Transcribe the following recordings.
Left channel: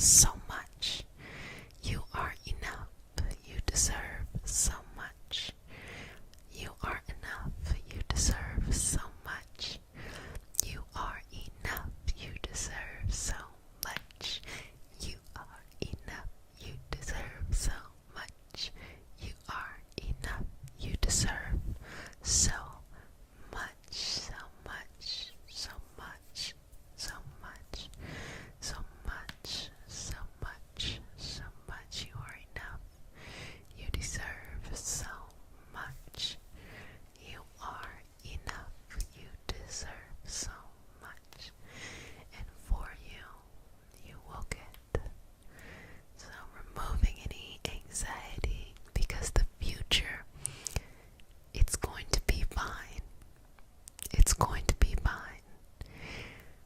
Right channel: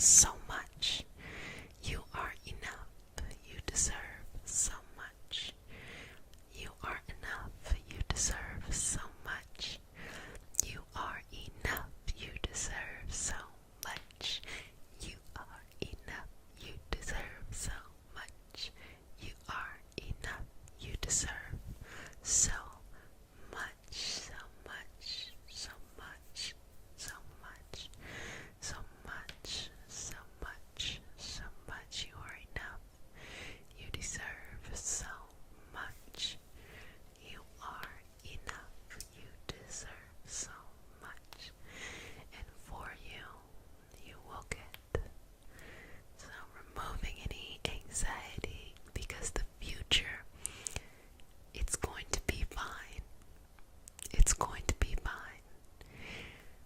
so much. You are enough. You deserve so much. You are enough. You deserve so much. You are enough. You deserve so much. You are enough. You deserve so much. You are enough. You deserve so much, so much, so much, so much, so much, so much, so much. You are enough. You deserve so much. You are enough. You deserve so much. And for you, you will get some removing any anxiety, because the future, it's going to be fine. It's going to be fine.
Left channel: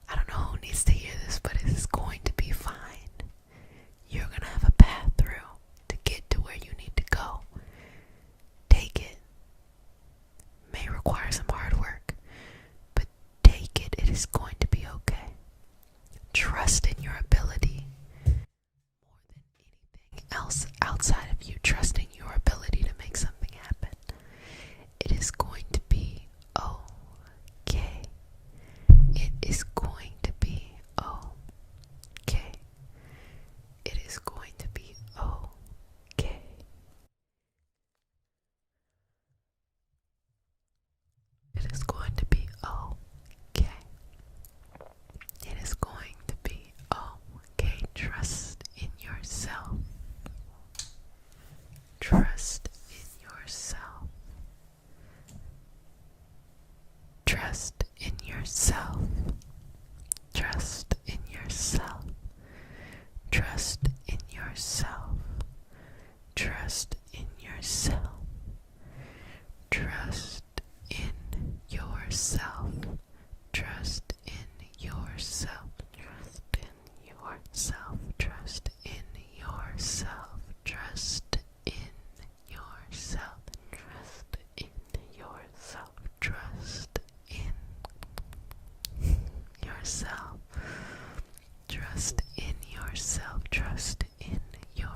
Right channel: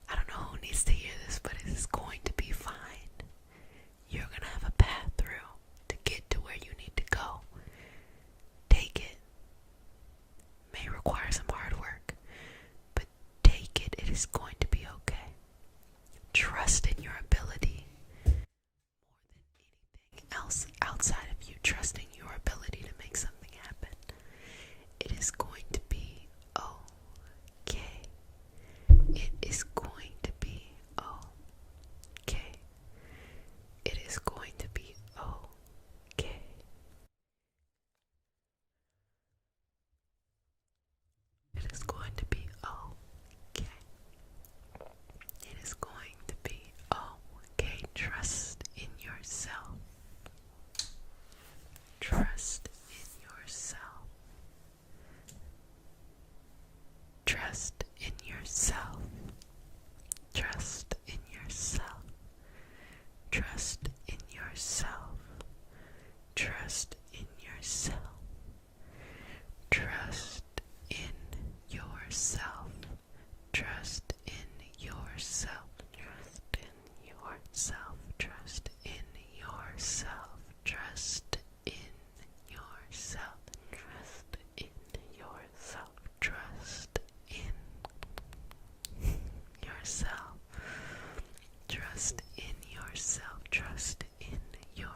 I don't know who needs to hear this, but it is going to be fine. You're going to have a path through to get to where you need to go. Take it. May require some hard work, but take it. It is going to be okay. Trust in your ability more than anything else outside of you. Trust in your ability to make something happen. It is going to be okay. It is going to be okay. It is going to be okay. It is going to be okay. It is going to be okay. Trust in yourself. Trust in yourself. Trust in yourself. Trust in yourself. Trust in yourself. Trust in yourself. Trust in yourself. Trust in yourself. Trust in yourself. Trust in yourself. Trust in yourself. Trust in yourself. Trust in yourself. Trust in yourself. Trust in yourself.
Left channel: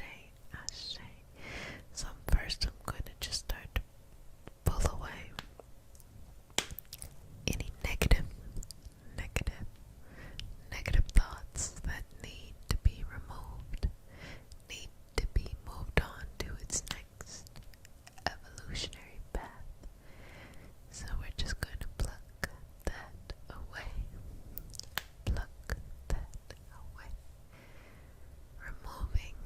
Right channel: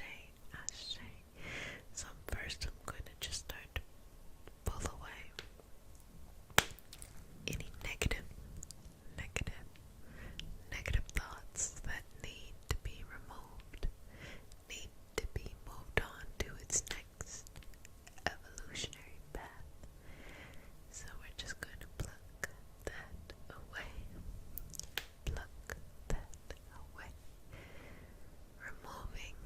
ashe, ashe. So first I'm going to just start to pull away any negative thoughts that need to be removed, need to be moved on to its next evolutionary path. So we're just going to pluck that away. Pluck that away. Removing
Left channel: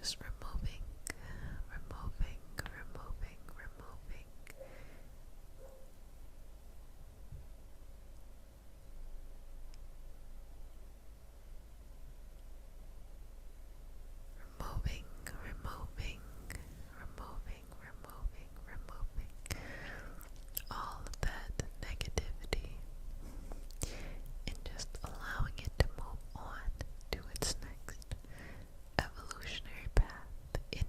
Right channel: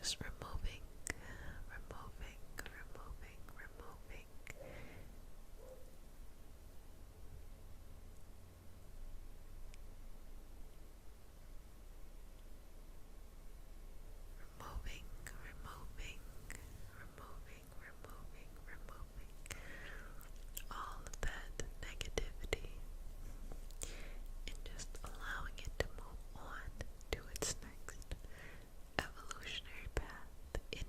just removing, removing, removing, removing. Removing, removing, removing, removing, removing all of that negativity and just allowing it to move on to its next evolutionary path in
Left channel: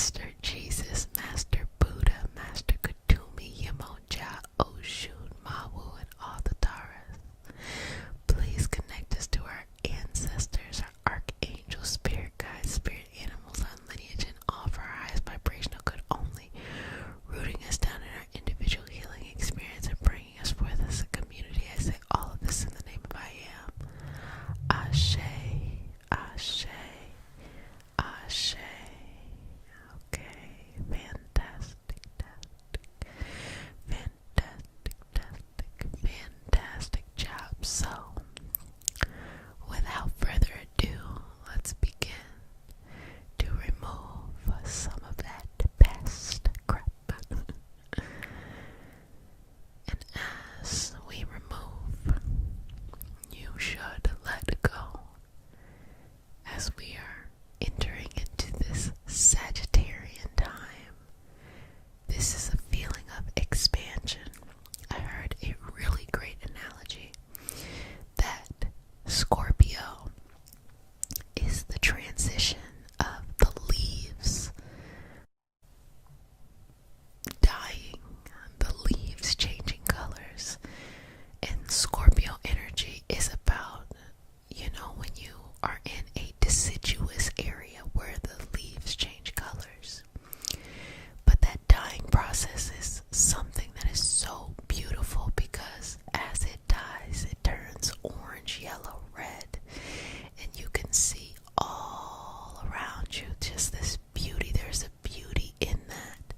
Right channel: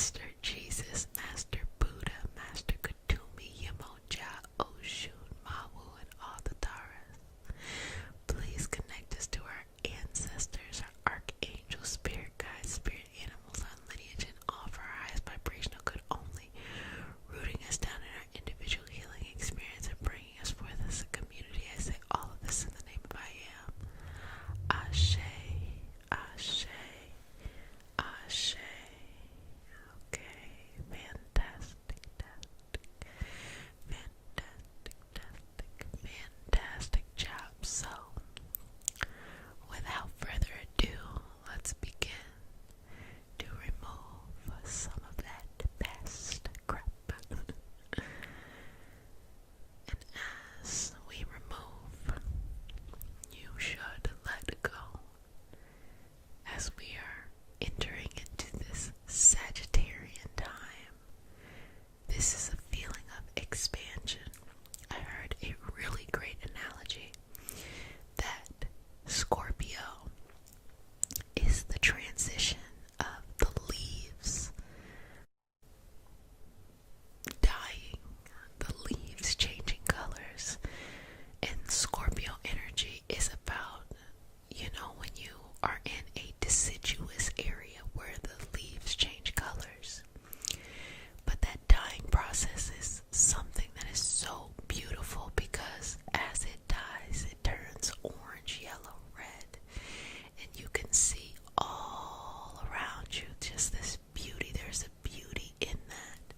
Master Jesus, Master Buddha, Master Kutumi, Yamonja, Oshun, Mawu, and all the Taras. Please connect us to our ancestors, our archangels, spirit guides, spirit animals, our lineage, and all for our highest vibrational good only, rooting us down in our individual healing experience and bringing us forth as a community. I say all of this in the name of I am. Ashe, Ashe, Ashe. Okay, fantastic, fantastic job. So, without further ado, let's begin to remove some of that past crap. And as we remove, you should let go as we are entering into this Sagittarian time. This is a feeling of expansion. I heard a really great analogy that Scorpio is the transition of the leaves dying, the leaves changing colors. And Scorpio energy is about, when you are in a deciduous area where the leaves change colors. But that dying process is something that is so beautiful because as it dies, it turns orange, yellow, red, and you can see all around you just this beauty. There's a beauty in that,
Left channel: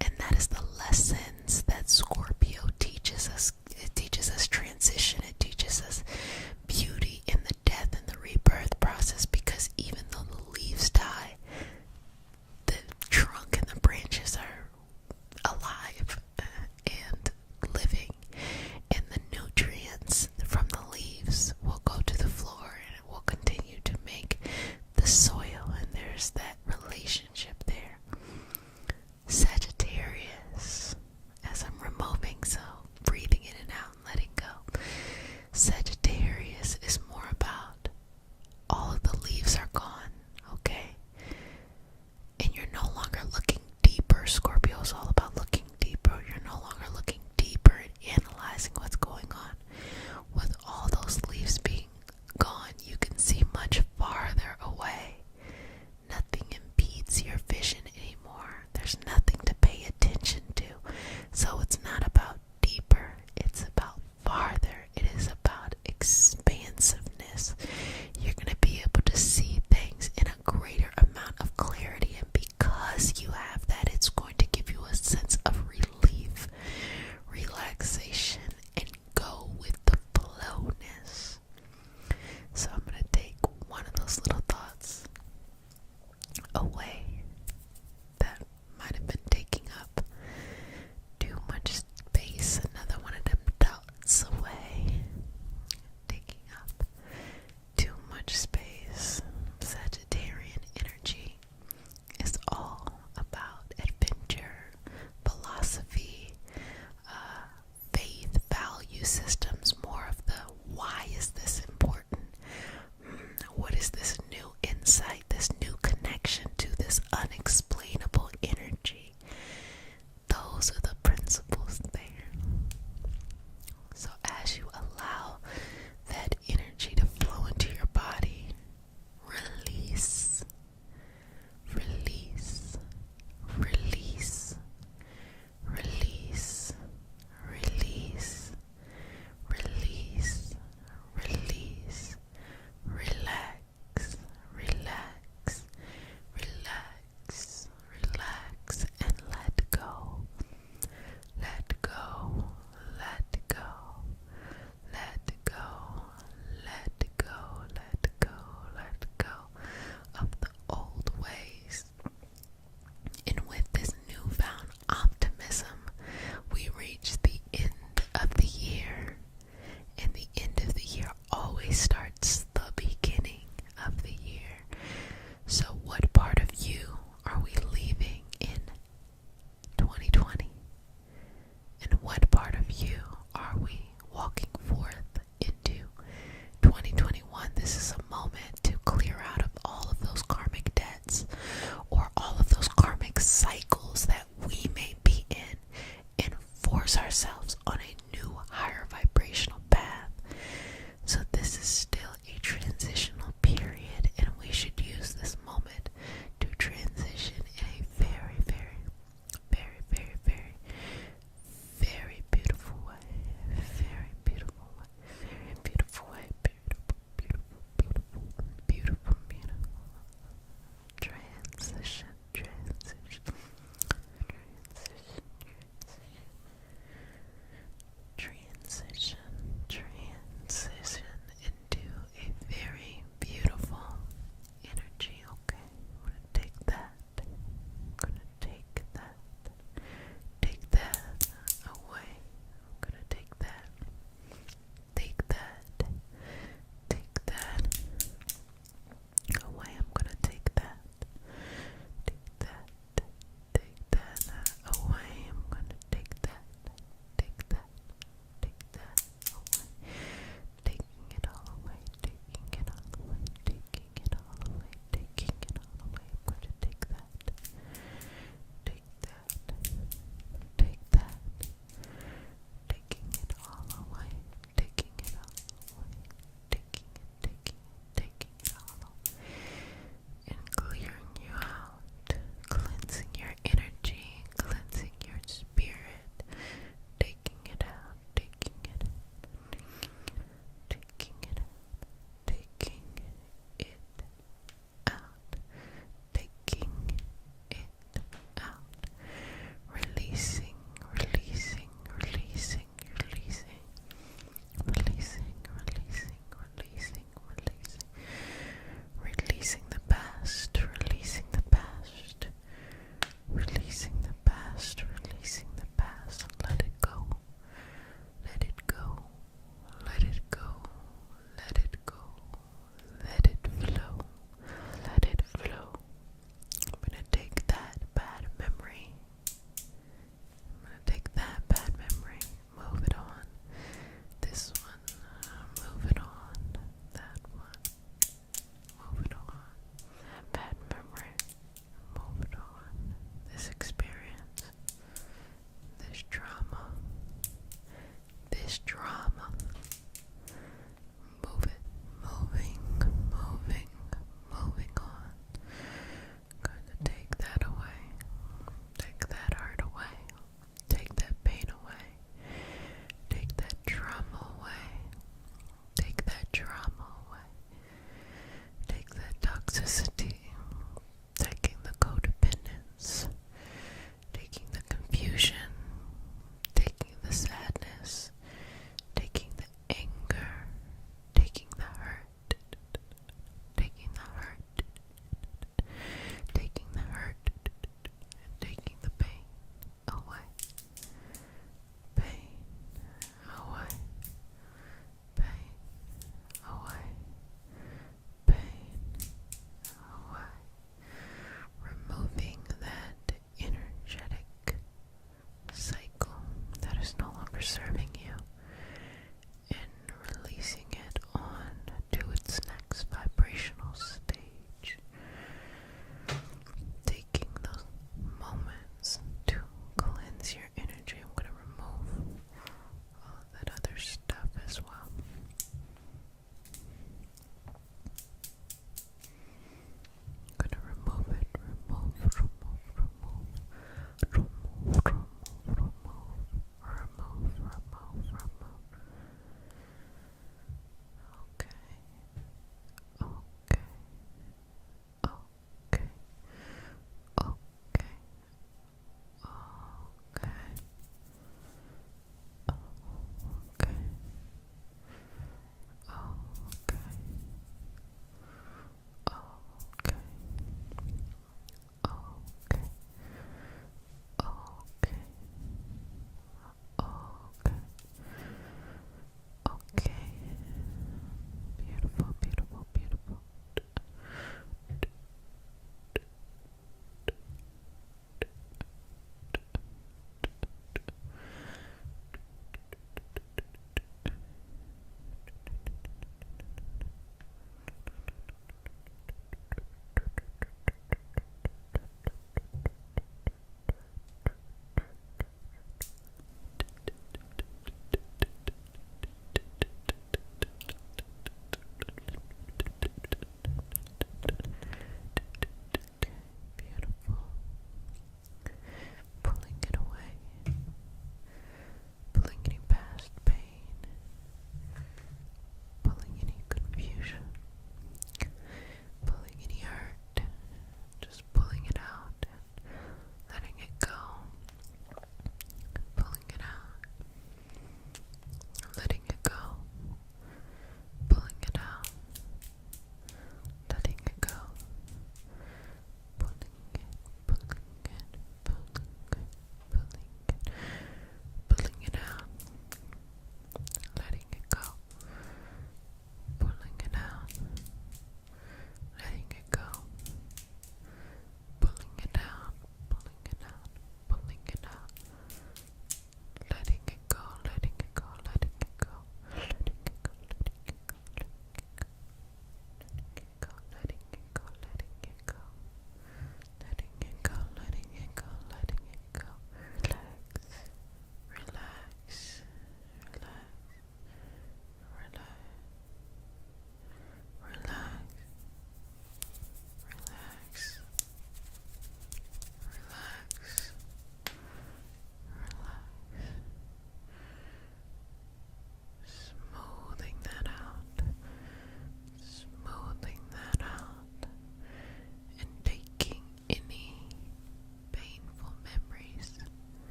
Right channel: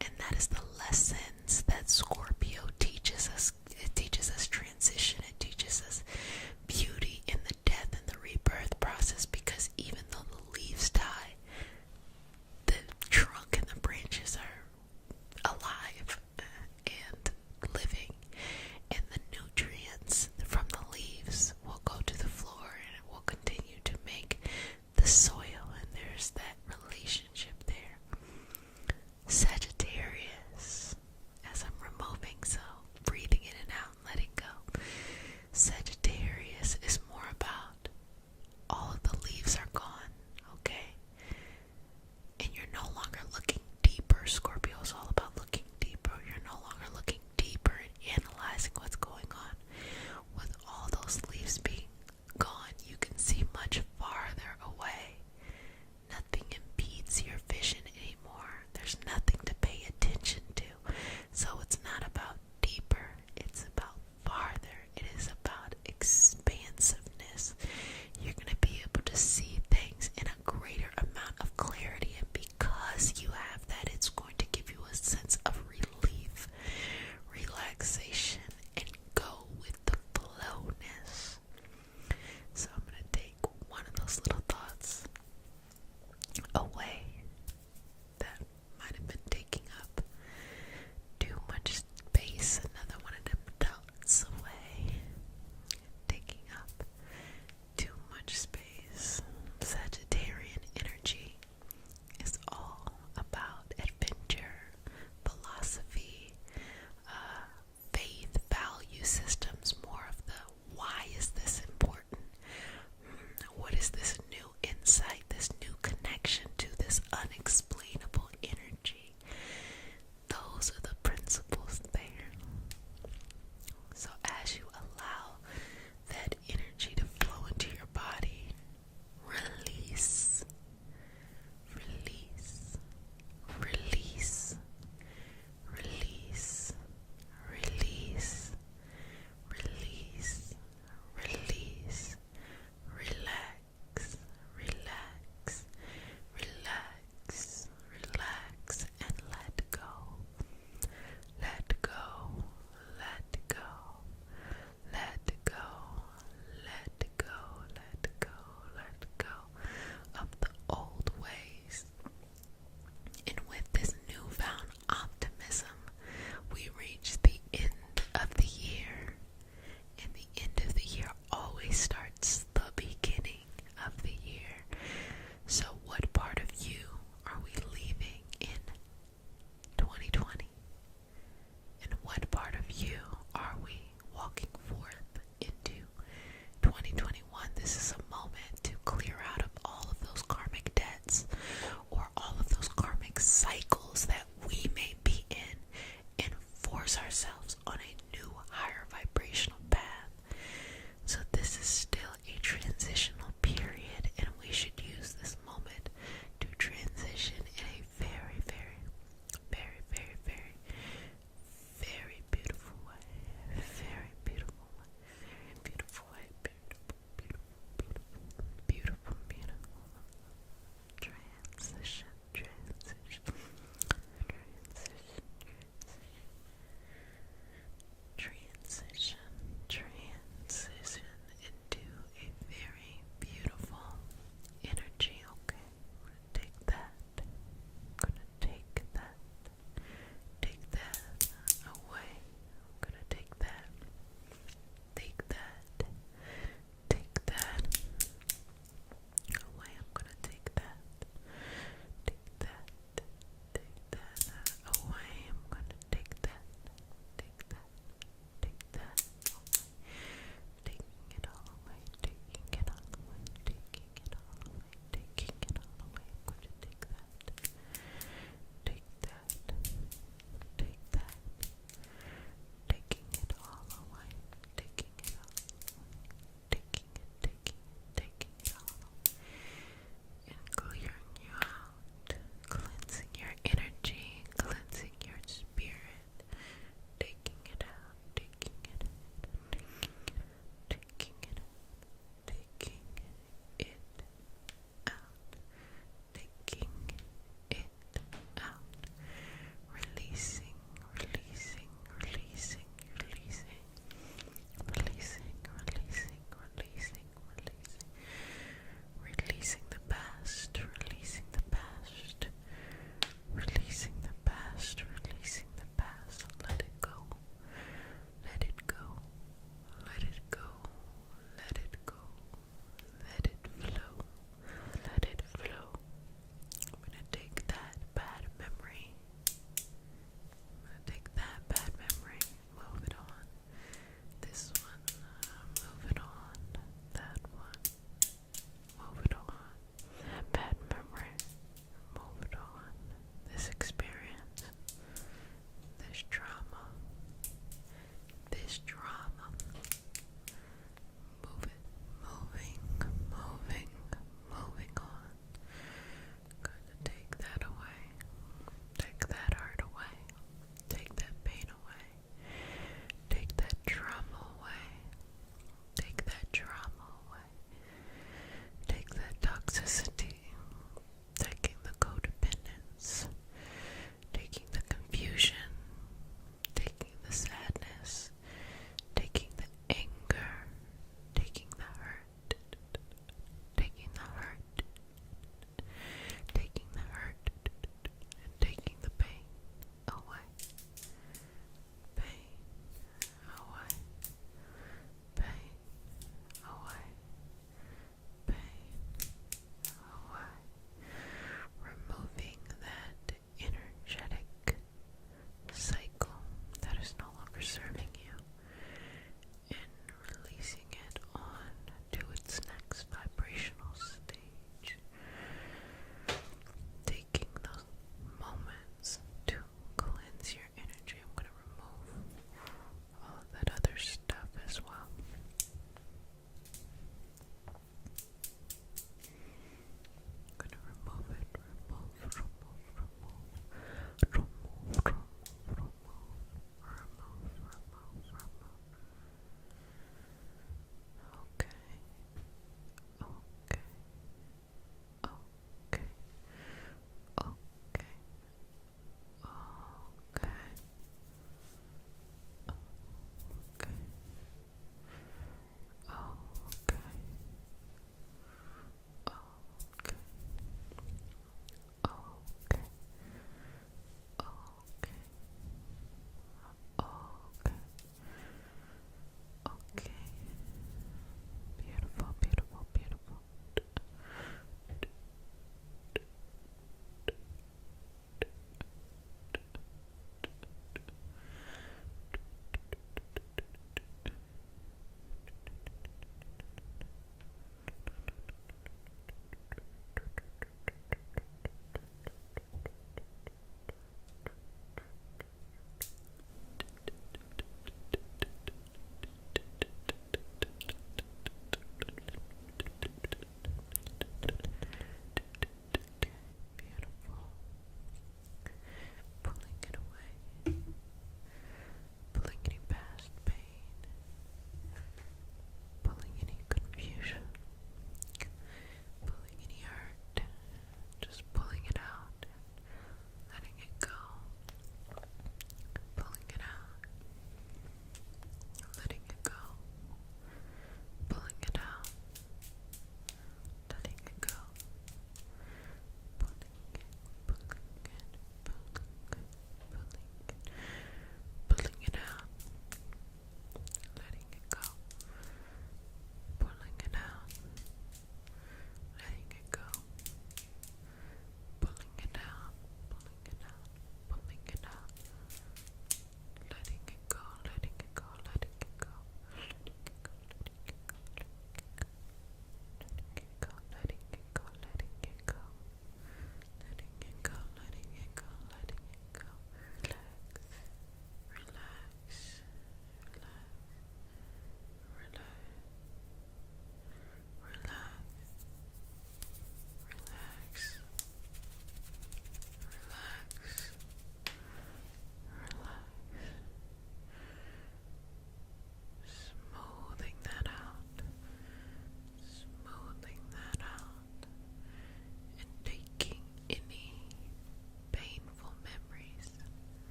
and that is the lessons that Scorpio teaches us. It teaches us transition. It teaches us beauty in the death and the rebirth process, because even though the leaves die, the trunk and the branches are alive and living, and the nutrients from the leaves will go to the floor and it will continue to make the soil, and there's that relationship there. Sagittarius, as I'm removing, so breathing in and out and letting go. Sagittarius is more about all of the leaves are gone, okay? And you're no longer looking deeper. Scorpio is all about looking deeper. You're no longer looking deeper and analyzing what's going on. With all those leaves being gone, you can see much farther away. Nothing impedes your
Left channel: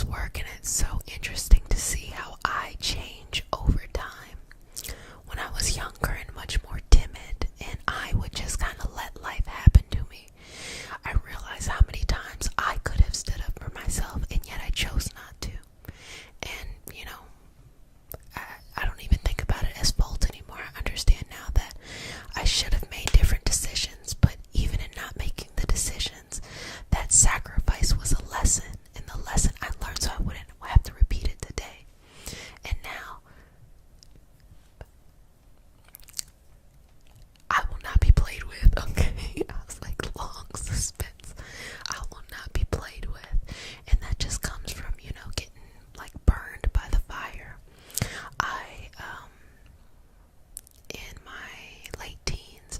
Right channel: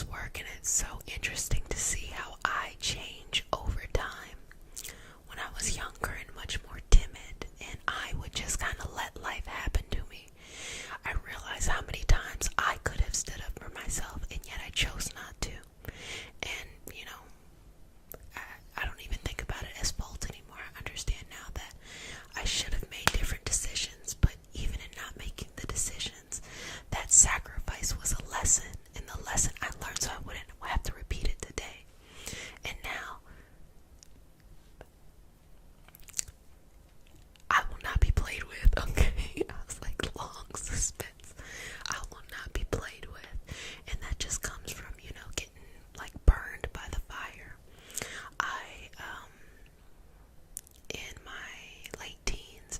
this work, and it's so interesting to see how I change over time. When I was younger and much more timid, and I would just kind of let life happen to me, I realized how many times I could have stood up for myself, and yet I chose not to. And, you know, I don't even think about it as fault anymore. I understand now that I should have made different decisions, but even in not making the decisions, that sacrifice was a lesson, and the lesson I learned so I wouldn't have to repeat it today. And now, I will not be played with, okay? I was like, long suspense. I will not be played with. And that just comes from, you know, getting like burned by the fire. In my late teens,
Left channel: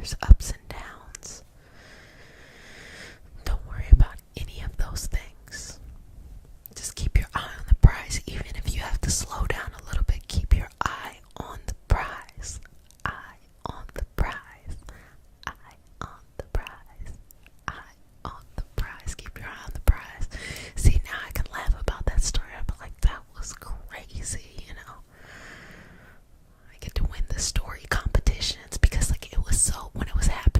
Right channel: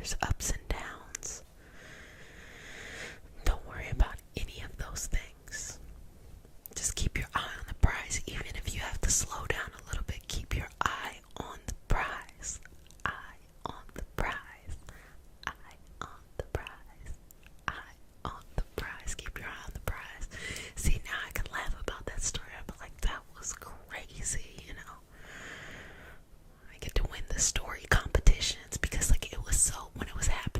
There's ups and downs. Don't worry about any of those things. Just keep your eye on the prize. Even if you have to slow down a little bit, keep your eye on the prize. Eye on the prize. Eye on the prize. Eye on the prize. Keep your eye on the prize. See, now I can laugh about that story. I'm like, that was crazy, you know. I get to win the story competitions because, like, it was so, when it was happening,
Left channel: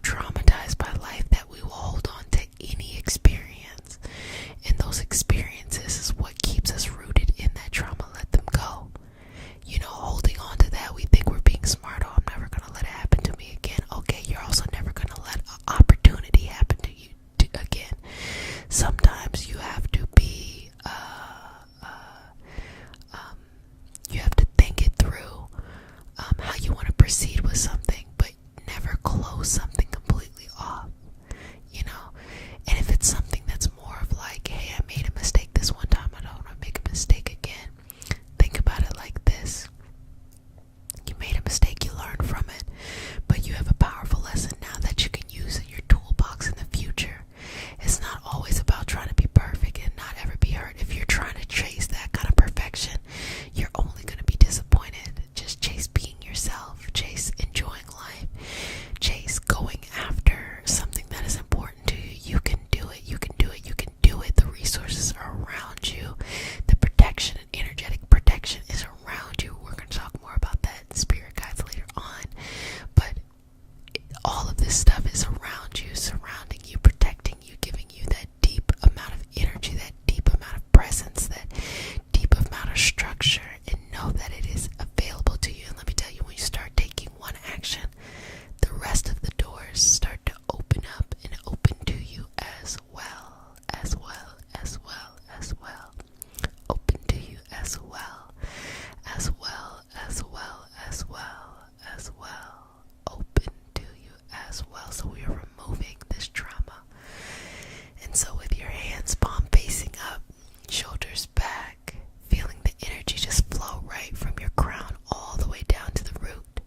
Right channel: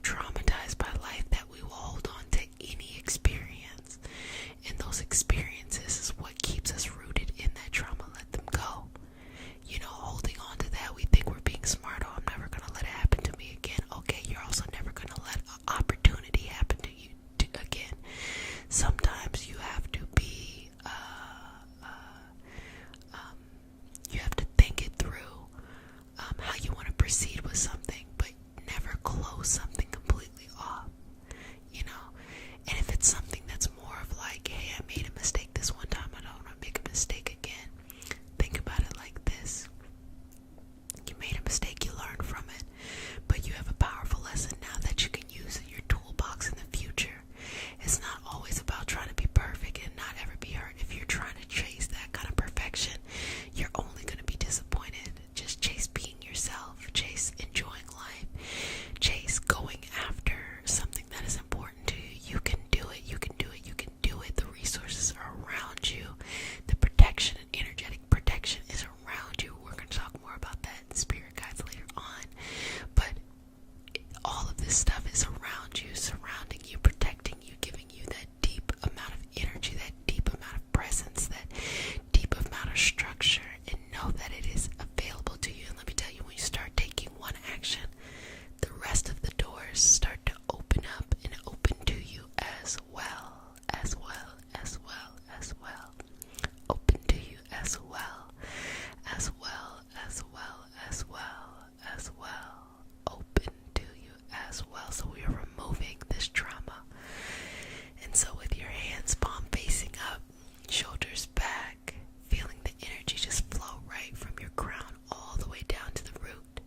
traumatized by life that we will hold on to any experience. And those experiences is what keeps us rooted in that trauma. Let them go. Holding on to that, we think we're being smart. Oh, I'm never going to let it happen to me again. Okay, you're also never going to let an opportunity happen to you again. Sometimes you have to be, you have to think it through, how you want to proceed with something, but never close something completely off, And if it's something that's more of like, hey, I made a mistake this one time, I don't want to make a mistake again. Think about it like this. You made a mistake, you learned from it, but you have a powerful lesson now that you can use in your toolbox in the future. It's not always about trying to be perfect and not ever be hurt. If you're trying to chase that kind of perfection, you're only going to be disappointed. Just chase being yourself, chase enjoying life, chase going after something that is important to you. You can do it, you can do it, you can do it. The resources are around you. The protection and energetic protection is around you. We're going to talk more about that in spirit guides later on. But all of this stuff is around you, surrounding you, protecting you, giving you that deep amount of energy, that deep amount of presence, that deep amount of structure, and know that it is available to you. And let me tell you, when you start taking one action, the rest of the doors start to open up and open to you as well, as well, as well, as well. Open to you as well, as well, as well, as well, as well. Open to you as well. So we are removing this trauma. And so with your hands palm facing up, shoulders back, feeling the energy just flow right from your crown all the way down to the root.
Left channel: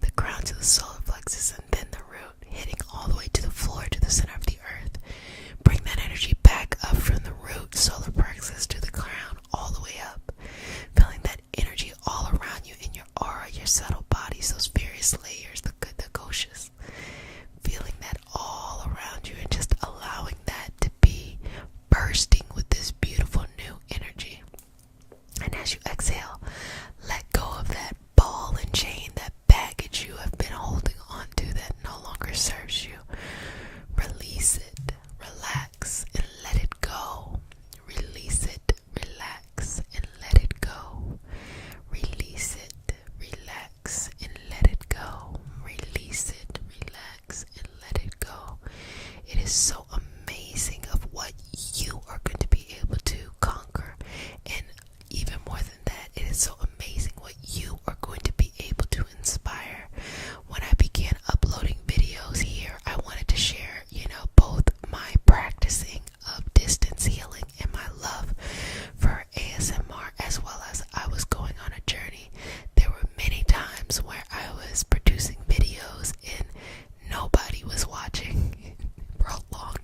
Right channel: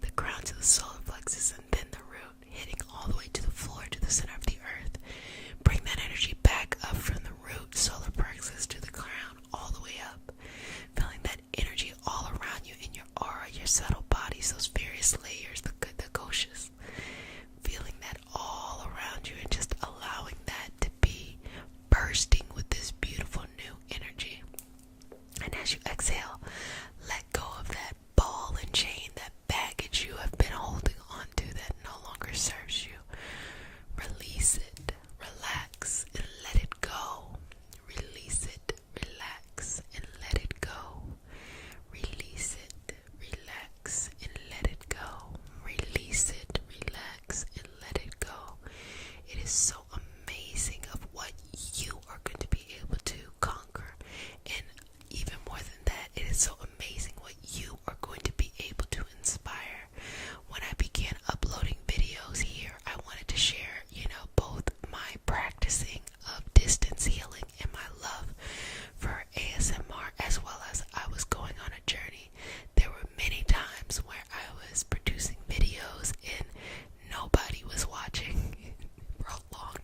The crown to the solar plexus and then the root, hitting all the way to the floor, to the center of the earth. Bring that energy back up from the root, solar plexus, to the crown, all the way up. Feeling that energy all around you in your aura, your subtle bodies, those various layers, the good, the koshas. Feeling that all around you and just allowing that to be bursting with this beautiful new energy. And as you exhale, let go of that ball and chain, that baggage you have been holding on to that no longer serves you. Release it, relax, and let it go. Release it, relax, and let it go. Release it, relax, and let it go. Release it, relax, and let it go. It is so amazing of what you are going to be able to conquer. And even more than that, it is so amazing what you are going to be able to inspire. When I began uploading videos here, I wanted to share, both my practicing of distance healing and my love for ASMR, as well as I was going on a journey. There were many times where I was producing videos and nobody was watching for a long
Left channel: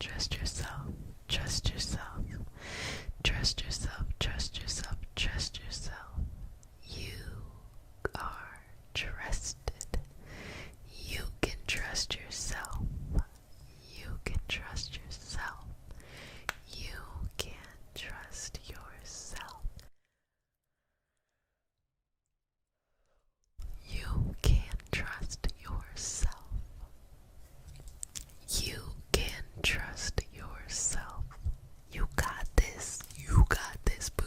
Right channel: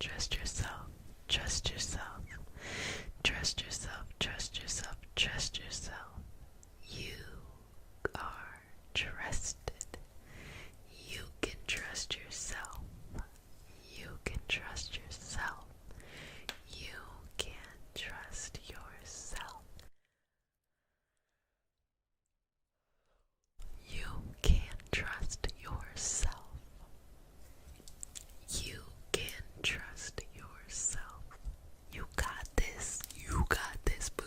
Trust yourself. Trust yourself. Trust yourself. Trust yourself. Trust yourself. You are trusted. You can trust yourself. You can trust yourself. You can trust yourself. You can trust yourself. You can trust yourself. You got this. You got this, boo.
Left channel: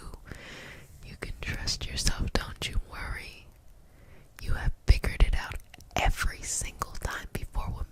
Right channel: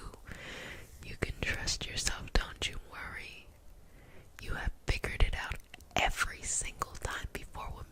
You can trust yourself. Don't you worry. You have figured it out every single time before. What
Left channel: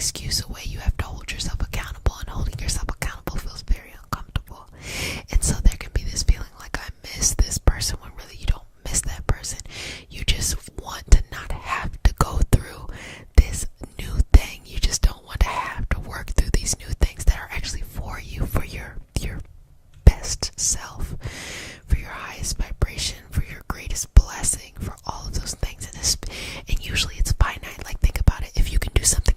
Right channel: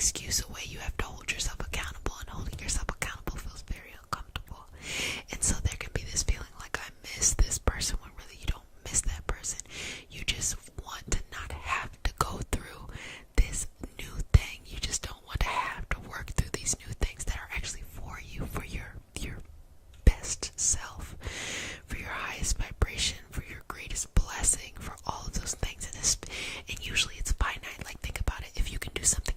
excuse away. You have to hold yourself accountable, and holding yourself accountable feels very uncomfortable. And so there can be this feeling like, I miss this person, when really you don't miss that person. You just want to not have to go through this new thing. You just don't want to have to work through these new things that are actually for you, for your best self, for your highest vibration, for your greatest blessing, for all of those things. And usually it's finite. Like, think about it. If you can do something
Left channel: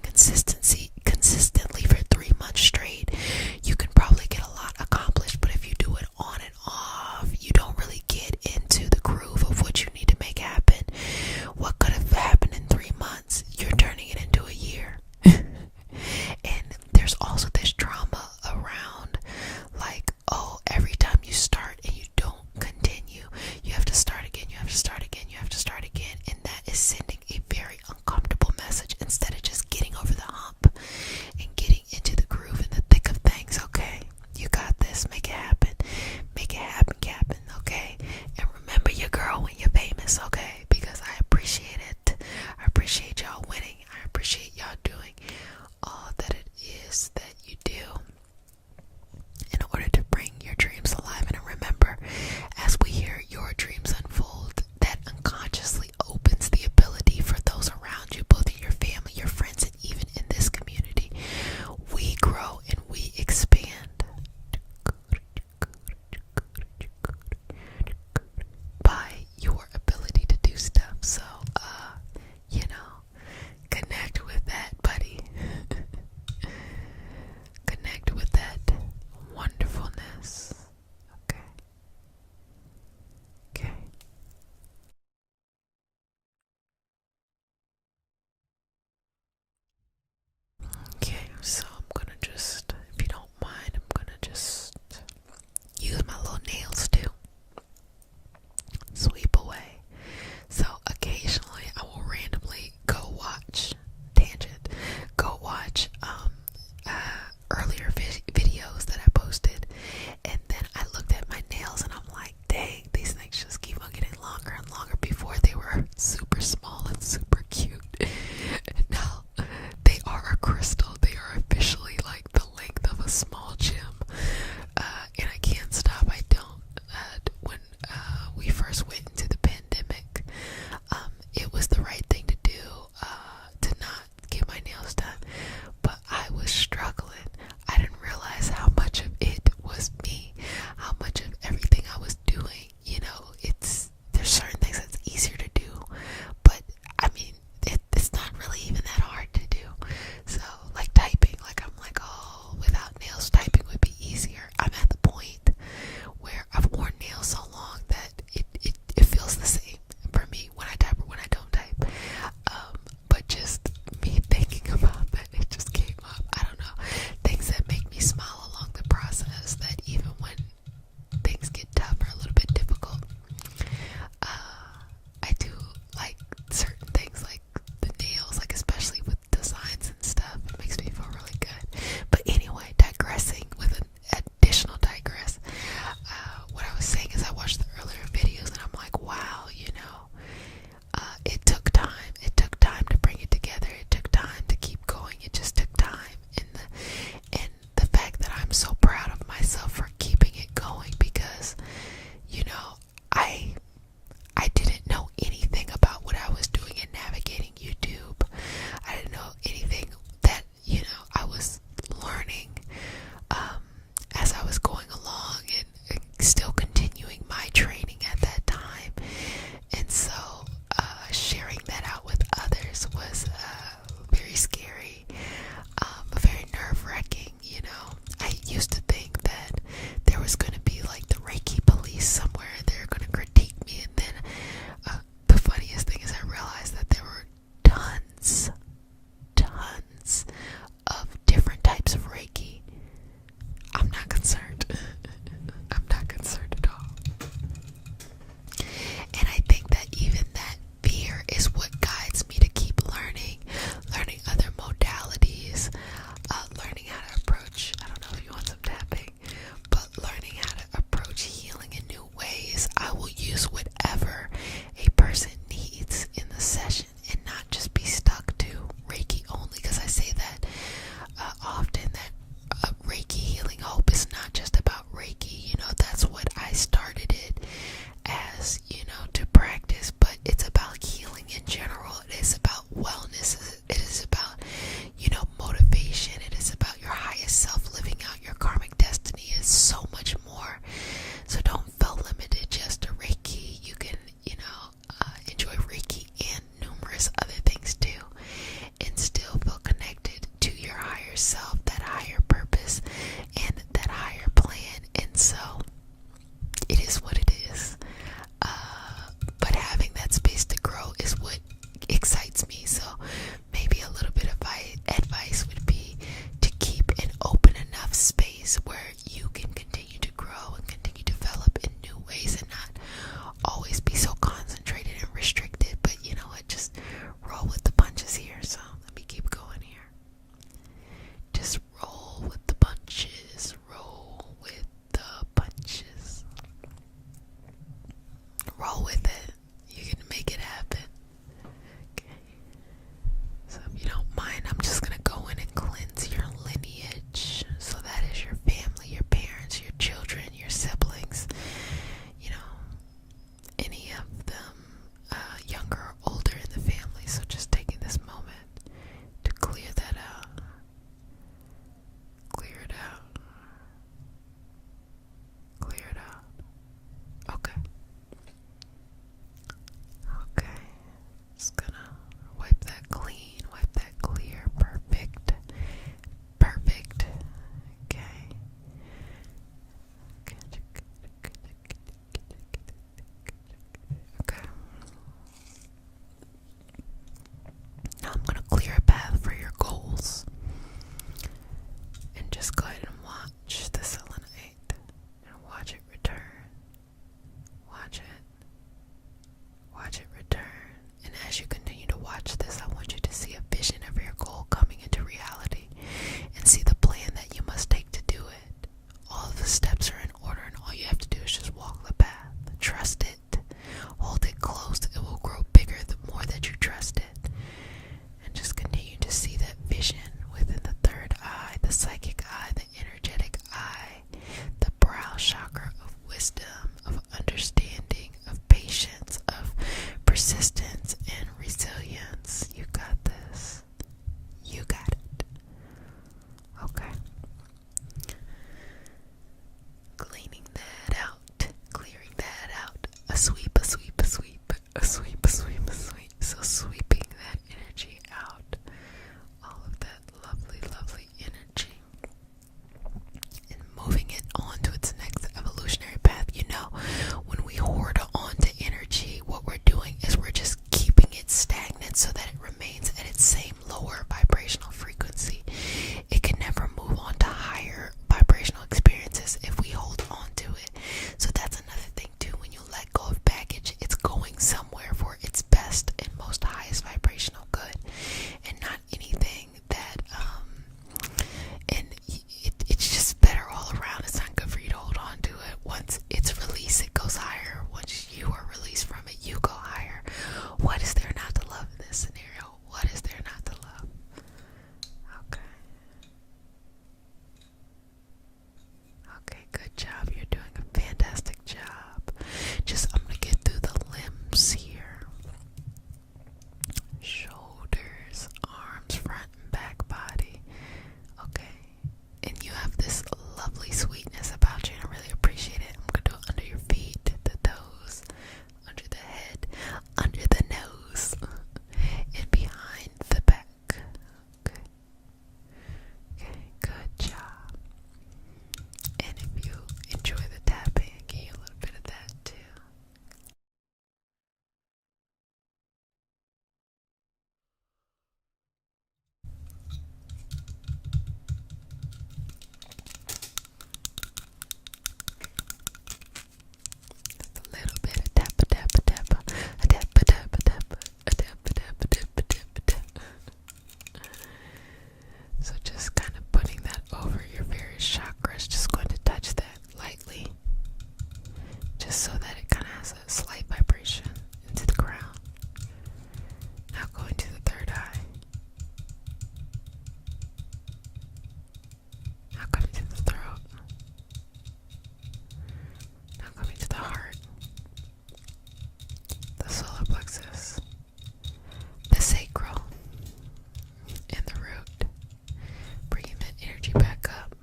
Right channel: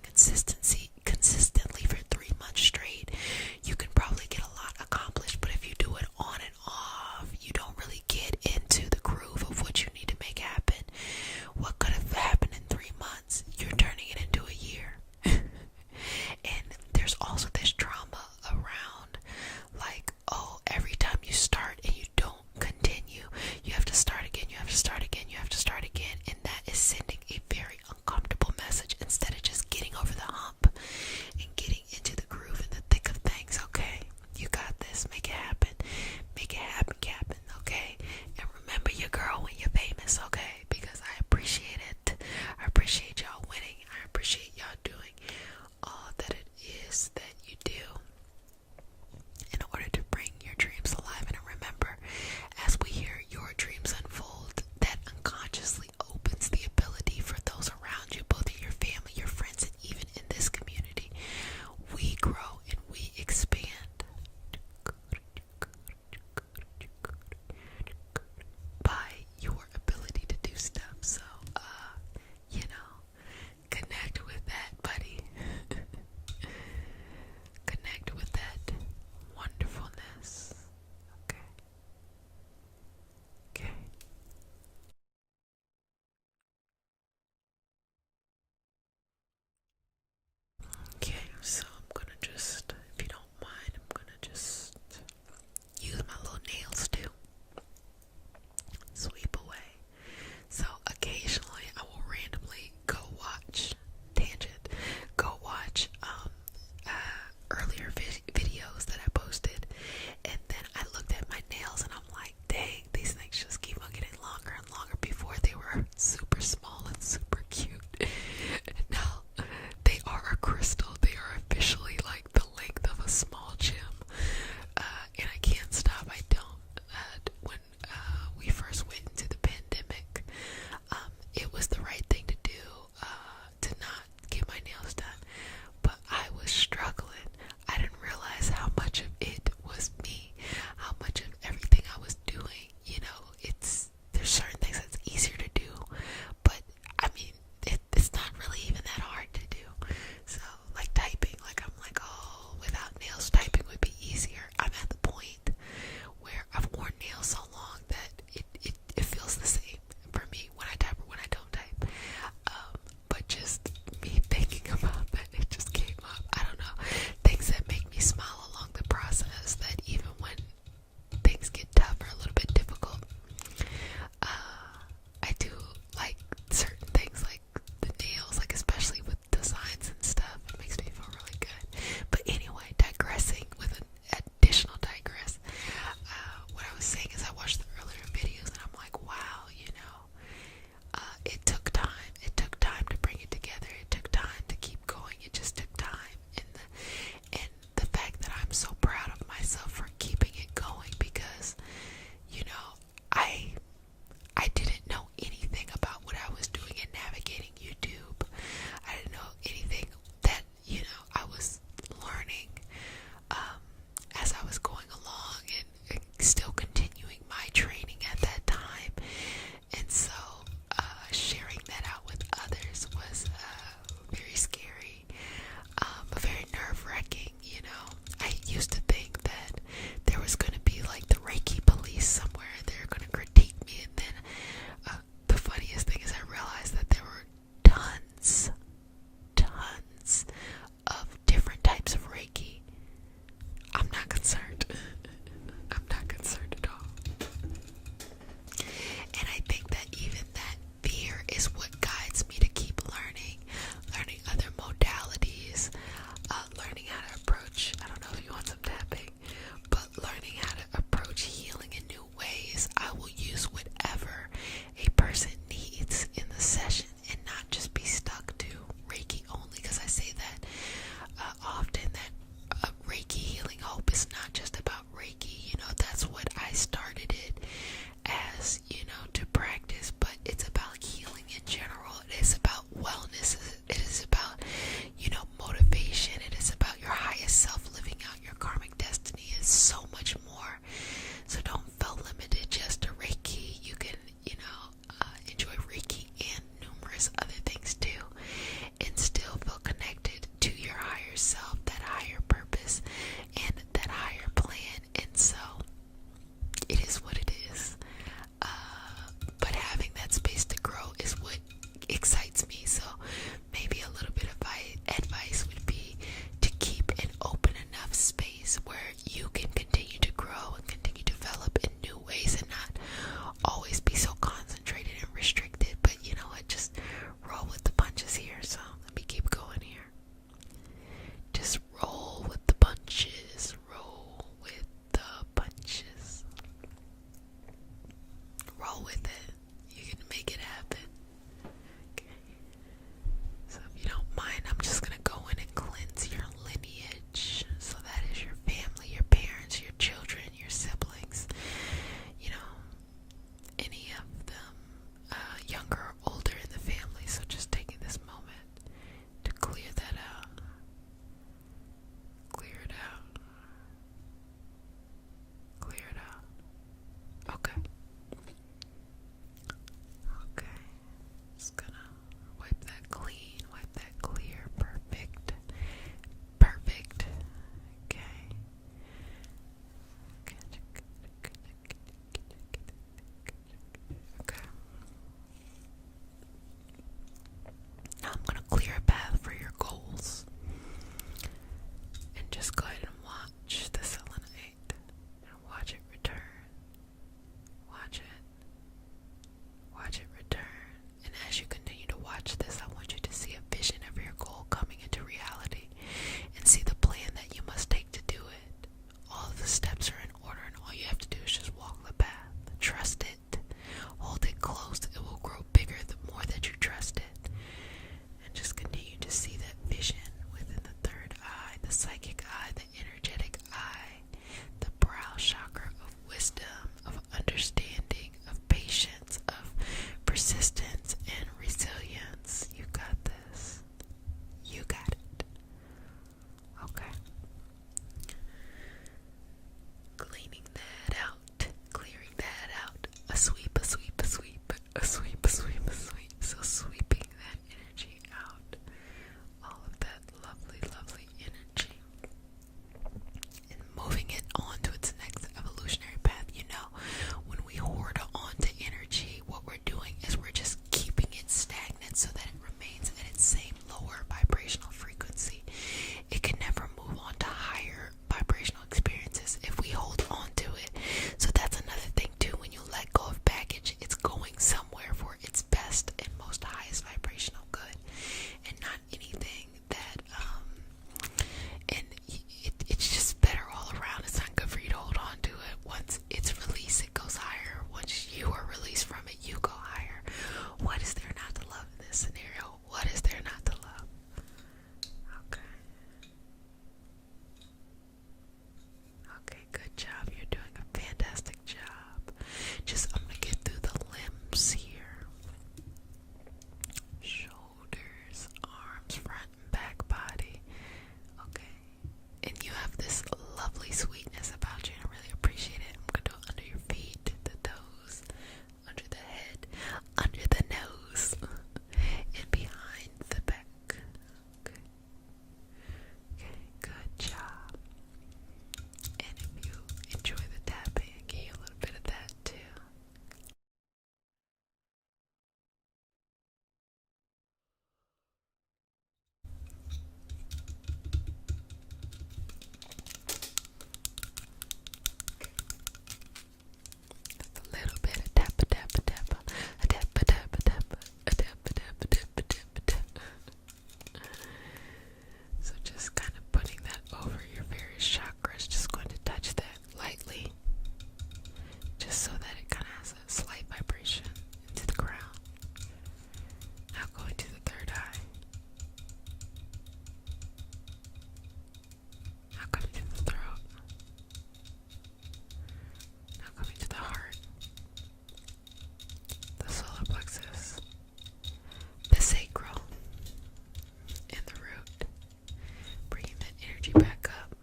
energy back up.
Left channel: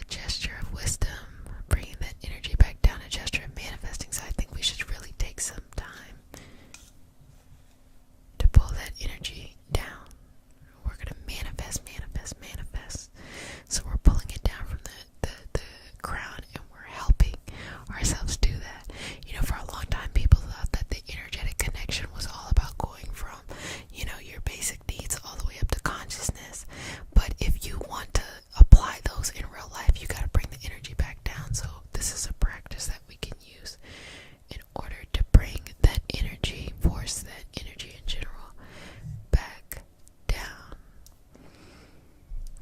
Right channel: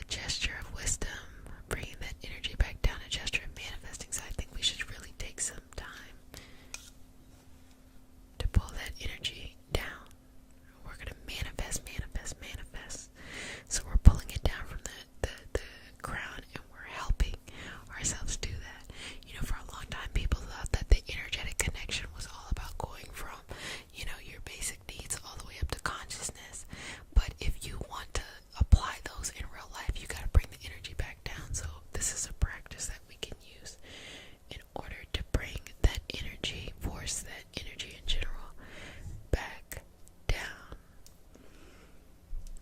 A gesture of wisdom, bringing that energy back down, a gesture of manifesting. So I think we should really take some time to pull that energy down. We're going to manifest, manifest, manifest. So we're pulling it down from the crown, and we're helping ourselves do that. You know, for a long time, people thought that the energetic connection was all about going from, you know, your basic needs all the way up to consciousness. But if you want to apply those in real life, you got to bring the energy back down. So this is a practice that we can use in order to bring that energy, force that energy in general, back down.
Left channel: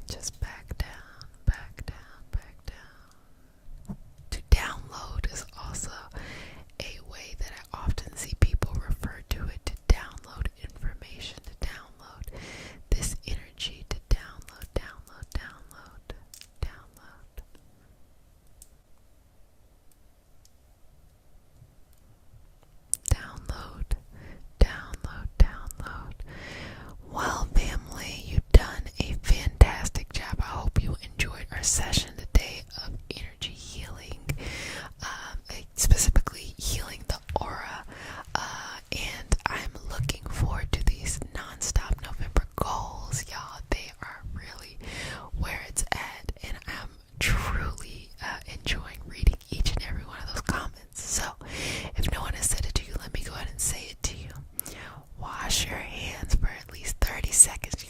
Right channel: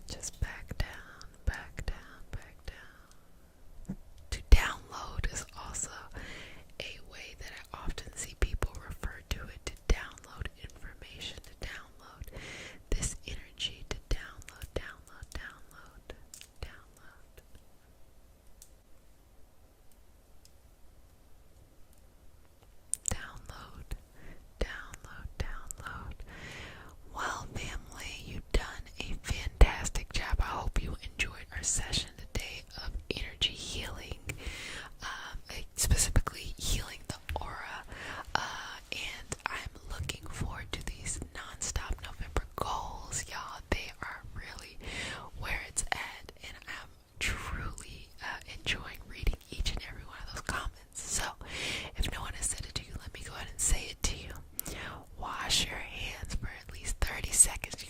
Just back down, back down, back down. To download is also a way that I often see people refer to it, to download information, to download this energy, to download, download, download, download. Download, download, download. Well, family, you've done a fantastic job. I hope you enjoyed our session today of energy healing, specifically healing the aura. And I'm looking forward to these non-stop November goals, y'all. They are really where it's at, and I'm truly enjoying reading each and every one of those comments. So, if no one has said it to you, let me go ahead and say it to you. Wash your hands for at least 30 seconds.